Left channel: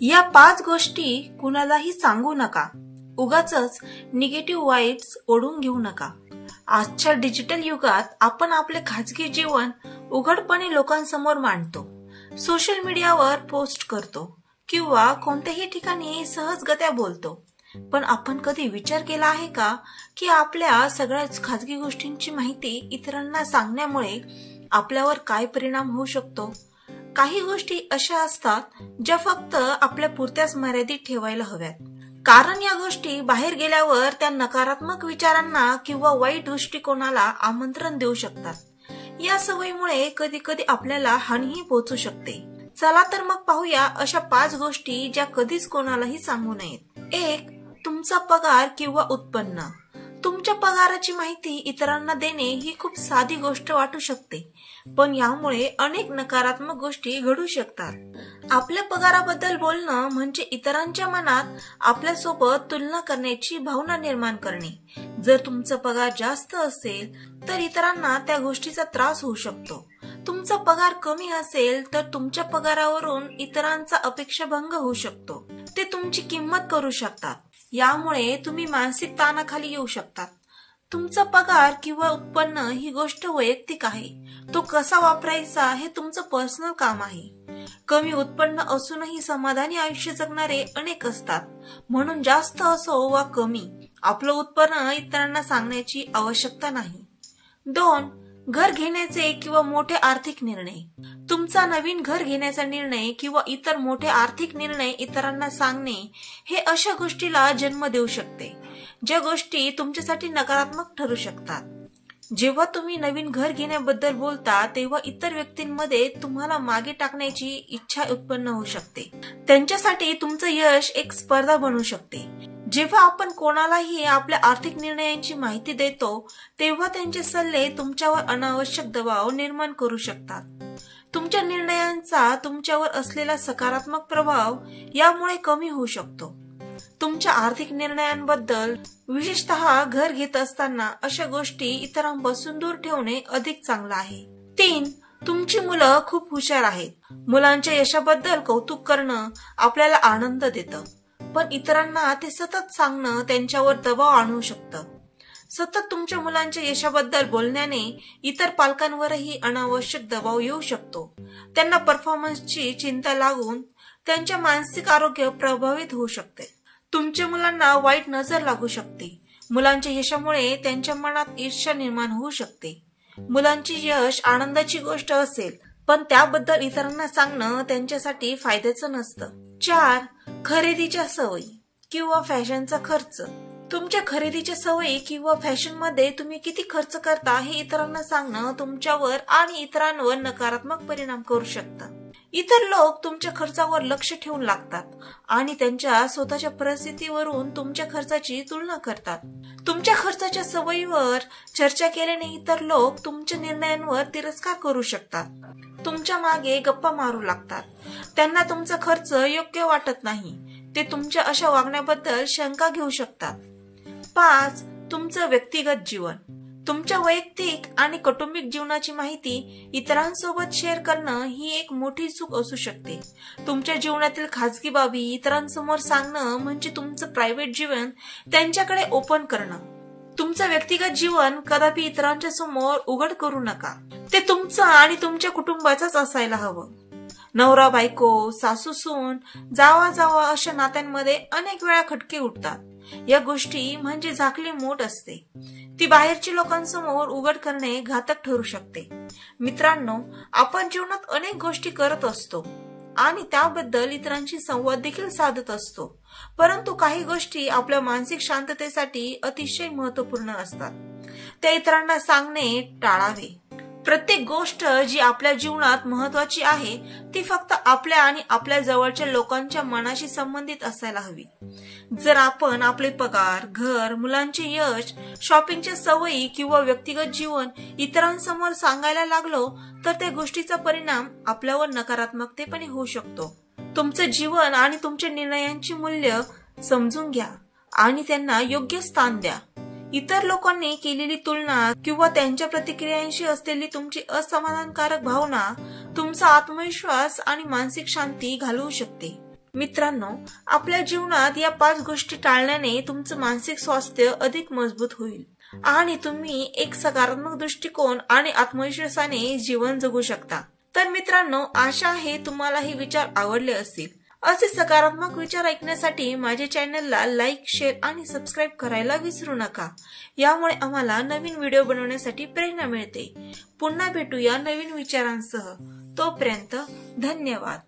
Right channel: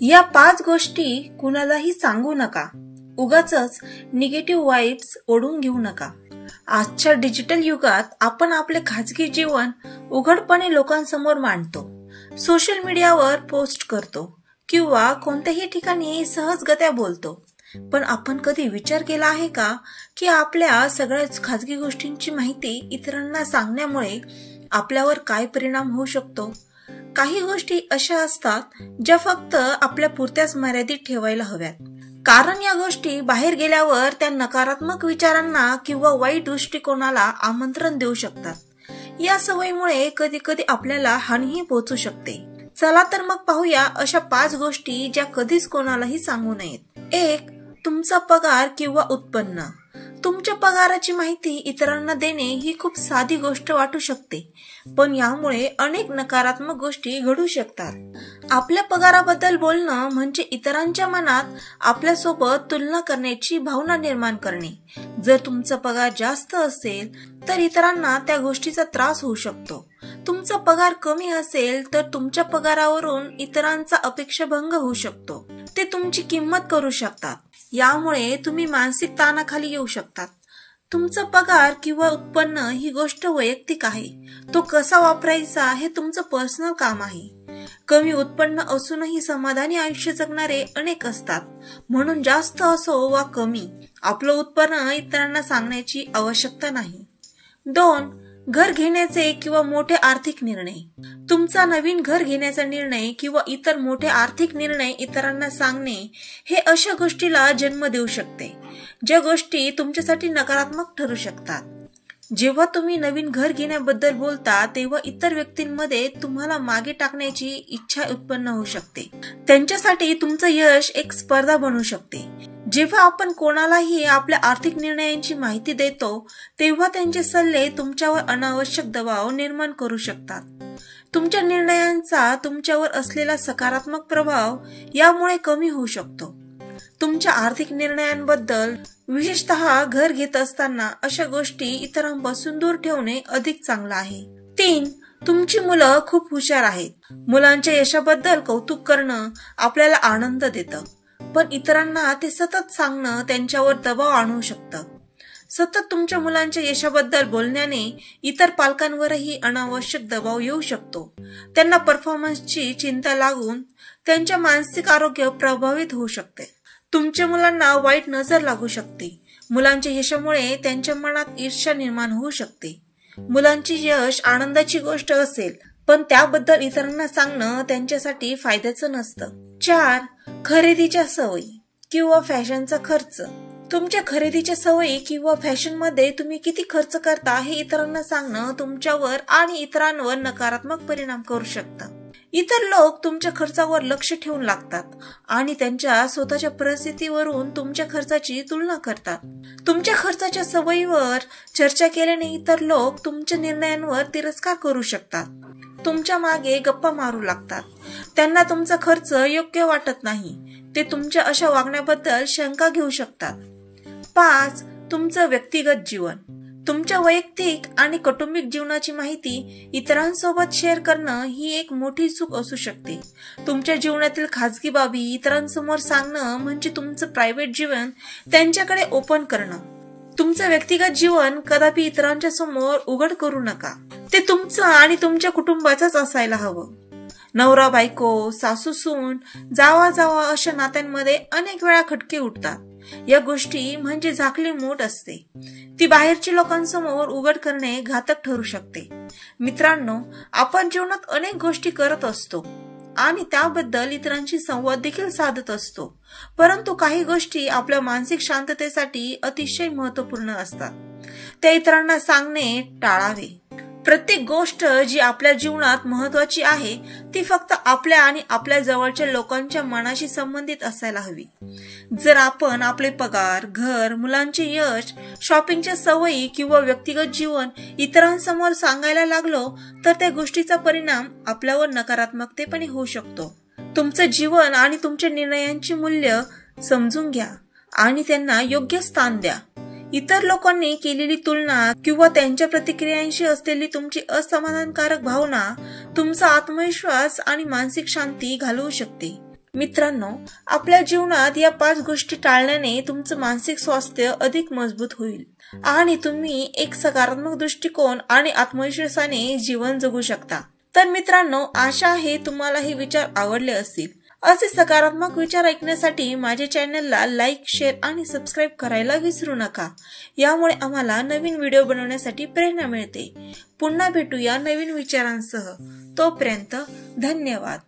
या 5 गोष्टी कुणालाही सांगू नका. उगाचच निगेटिव्ह वाइब्स ओढून घेऊ नका. आजच्या डिजिटल युगात आपण आपले खाजगी जीवन उघडपणे लोकांसमोर मांडतो, सोशल मीडियावर पोस्ट करतो किंवा कोणत्याही ठिकाणी सहजगत्या बोलतो. पण आपण कधी विचार केला आहे का की आपल्या सगळ्याच खाजगी गोष्टींची माहिती इतरांना सांगण्यामुळे आपल्यावर काय परिणाम होऊ शकतो? काही गोष्टी अशा असतात ज्या फक्त आपल्या पुरत्याच मर्यादित ठेवायला हव्यात, कारण या गोष्टी बाहेर गेल्यावर त्या नकारात्मक विचारांना किंवा वाईट दृष्टिकोनाला आमंत्रण देऊ शकतात. या सवयीमुळे कधी कधी आपल्याला हानीही पोहोचू शकते. चला तर मग पाहूया अशा 5 गोष्टी ज्या कधीच कोणालाही सांगू नयेत. 1. तुमचा पगार किंवा उत्पन्न. तुमच्या पगाराची माहिती इतरांना देणे ही खूप साधी गोष्ट वाटू शकते, पण यामुळे अनेक नकारात्मक गोष्टी घडू शकतात. आपल्या पगाराबद्दल बोलणं म्हणजे इतरांच्या मनात आपल्यासोबत तुलना करण्याची भावना निर्माण करणे. जर तुमचा पगार जास्त असेल तर इतरांना त्या गोष्टीचा त्रास होऊ शकतो. तुमचा पगार कमी असेल तर तुमच्या पगारावरून इतरांचा अपेक्षाभंग होऊ शकतो. ते तुमची किंमत करू शकतात. यामुळे तुम्ही मानसिक ताणाखाली येऊ शकतात. तुमचा पगार किंवा उत्पन्न ही गोष्ट वैयक्तिक आहे. तो कसा वापरायचा हे तुमचं पर्सनल काम आहे. कमी उत्पन्न असूनही समाधानी आयुष्य जगणारे अनेक असतात. म्हणून जास्त असो वा कमी, आपलं उत्पन्न इतरांना सांगण्याची आवश्यकता नाही. 2. घर घेण्याचे किंवा मोठे आर्थिक निर्णय. तुमचा नवीन घर घेण्याचा निर्णय किंवा इतर मोठे आर्थिक निर्णय इतरांना सांगणे हे अशा गोष्टीला जन्म देऊ शकते ज्या गोष्टी तुमच्यासाठी नकारात्मक ठरू शकतात. जेव्हा तुम्ही नवीन घर घेण्याबद्दल बोलता तेव्हा इतर व्यक्तींमध्ये तुम्हाला मागे टाकण्याची इच्छा उत्पन्न होऊ शकते. त्यांच्यासाठी तुमचं यश एक स्पर्धा बनू शकते. जेव्हा आपण कोणालाही आपल्या आर्थिक निर्णयांची माहिती देतो तेव्हा त्यांचे सल्ले तुमच्यावर अनावश्यक दबाव निर्माण करू शकतात. तुमच्या निर्णयांचा तुमच्यावर असलेला सकारात्मक प्रभाव यामुळे कमी होऊ शकतो. तुमच्या आर्थिक निर्णयांबद्दल, विशेषतः घर घेत असताना, अशा गोष्टी इतरांपासून दूर ठेवणे अधिक चांगलं आहे. 3. तुमची मुलं खूप हुशार आहेत. मुलांच्या यशाबद्दल कौतुक करणं आपल्याला आनंद देतं, पण इतरांना ते सतत सांगणं त्यांच्यावर दबाव आणू शकतं. सतत तुमच्या मुलांच्या यशाबद्दल बोलण्याने इतर पालकांवरही अनावश्यक दबाव येऊ शकतो. त्यांना परफॉर्मन्सची चिंता लागून त्यांचे मानसिक आरोग्य प्रभावित होऊ शकते. तुमच्या मुलांना वाईट नजर लागू शकते. मुलांच्या यशामुळे त्यांच्या मनात ईर्ष्या निर्माण होऊ शकते. मुलांचे यश आनंदाची गोष्ट असेल, पण त्याबद्दल इतरांना सांगणं त्यांच्यासाठी फायद्याचं नसतं. 4. खरेदीच्या सवयी किंवा फॅशनचा खर्च. तुमच्या खरेदीच्या सवयी किंवा फॅशनमध्ये तुम्ही किती खर्च करता हे इतरांना सांगणं तुमच्यावर आणि इतरांवर नकारात्मक परिणाम करू शकतं. इतर लोक तुमच्या खर्चावर लक्ष ठेवून लागतात आणि त्यांच्या स्वतःच्या परिस्थितीवरून तुमच्या खर्चाची तुलना करतात. तुमच्या खर्चाच्या सवयीवर चर्चा केल्याने इतर लोक तुमच्या निर्णयांवर तिरस्कार करू शकतात. तुमच्या मागे गप्पा मारू लागतात. त्यांना तुमचा खर्च योग्य वाटत नाही. ते तुमच्या अशा वागण्याबद्दल शंका घेऊ शकतात. 5. तुमचं व्यक्तिगत जीवन. तुमच्या वैयक्तिक आणि कौटुंबिक जीवनाची माहिती इतरांसोबत शेअर करणं ही एक मोठी चूक असू शकते. तुमच्या जीवनातील खाजगी बाबी इतरांसमोर सांगणं म्हणजे तुमचं प्रायव्हेट जीवन त्यांच्याकडे ओपन करणं. तुमचं व्यक्तिगत जीवन कदापि इतरांच्या समोर उघड करू नका. ते तुमचं आणि तुमच्या कुटुंबाचंच असायला हवं. नवरा बायको, सासू सून, जावा जावा अशा नात्यांमध्ये अनेक वेळा खटके उठतात. या गोष्टी म्हणजे झाकली मूठ असते. ती बाहेरच्या लोकांसमोर उघड करणे घातक ठरू शकते. मित्रांनो, आपण जीवनात अनेक गोष्टी करत असतो आणि त्याबद्दल इतरांशी संवाद देखील साधत असतो, परंतु काही गोष्टी आपल्या मानसिक शांततेसाठी अतिशय महत्त्वपूर्ण असतात. त्या इतरांना सांगणे टाळावे. प्रत्येक गोष्ट जी आपल्या जीवनात महत्वाची आहे ती फक्त आपल्या आणि आपल्या जवळच्या लोकांच्या मनाशी संबंधित असायला हवी. जर आपण आपले पगार, घर, मुलांचे यश, शॉपिंगच्या सवयी किंवा व्यक्तिगत जीवन इतरांसमोर सांगायला लागलो तर त्या गोष्टीचा परिणाम आपल्यावर नकारात्मकतेपणे होऊ शकतो. तुमचं जीवन आणि तुमच्या निर्णयांची मूल्य समजून घ्या आणि त्यांना योग्य स्थान द्या. इतर लोकांनी केलेली तुलना किंवा त्यांच्या प्रतिक्रियांशी असलेली तुमची असमाधानकारक भावना तुमचा आत्मविश्वास आणि मानसिक शांती घालवू शकते. मित्रांनो, आपल्या जीवनात या 5 गोष्टी टाळण्याने तुमचं मानसिक स्वास्थ्य अधिक मजबूत होईल आणि तुम्ही एक सकारात्मक दृष्टिकोन आणि आत्मविश्वासाने जीवन जगू शकता। तर मित्रांनो, आशा आहे तुम्हाला हे विचार आवडले असतील। असे सकारात्मक विचार ऐकण्यासाठी माझ्या चॅनलला लाईक, शेअर आणि सबस्क्राईब करायला विसरू नका। यामुळे आम्हाला नवीन व्हिडिओ बनवण्यासाठी प्रेरणा मिळते। पुन्हा भेटूया नवीन विचारांसह। तोपर्यंत धन्यवाद।